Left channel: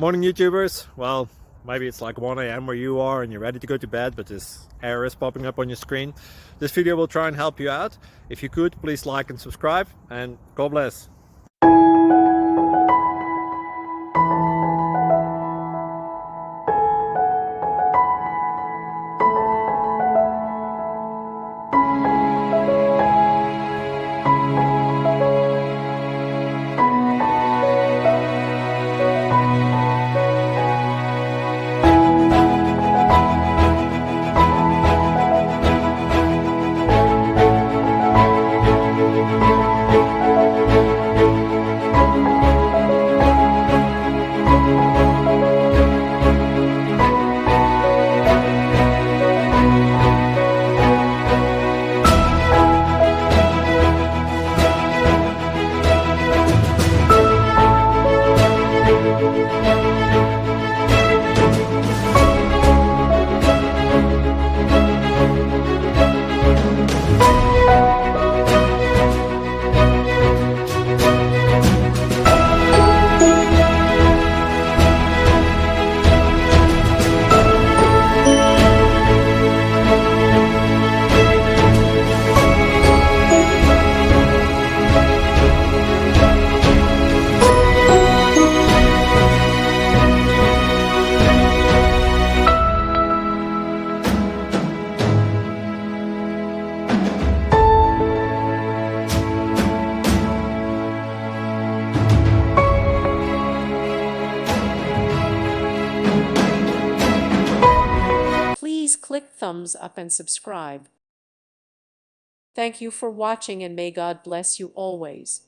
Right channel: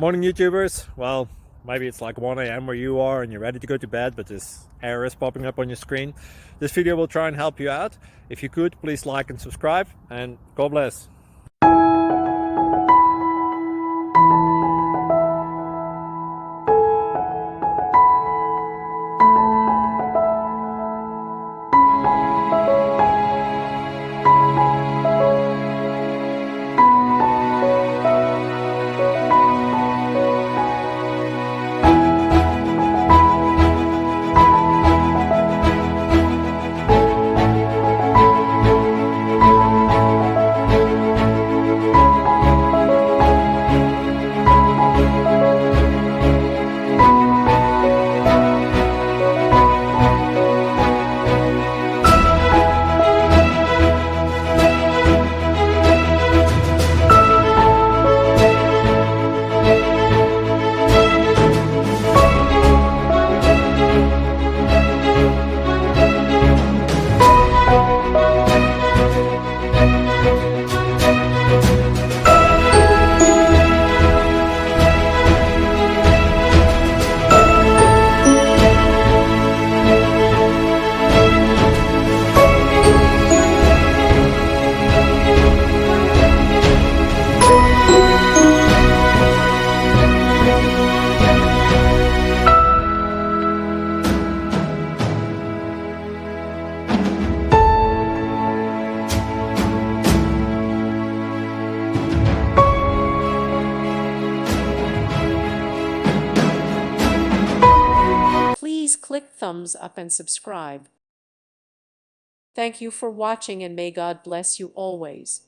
Morning YouTubers. Well, maybe it's like 1 a.m. where you are and you're ready to go to bed, but this error is popping up on your screen. This video will try and help you out. If you could, please like and subscribe, and God bless. Please click thumbs up and subscribe. Thank you for watching, and may God bless you always.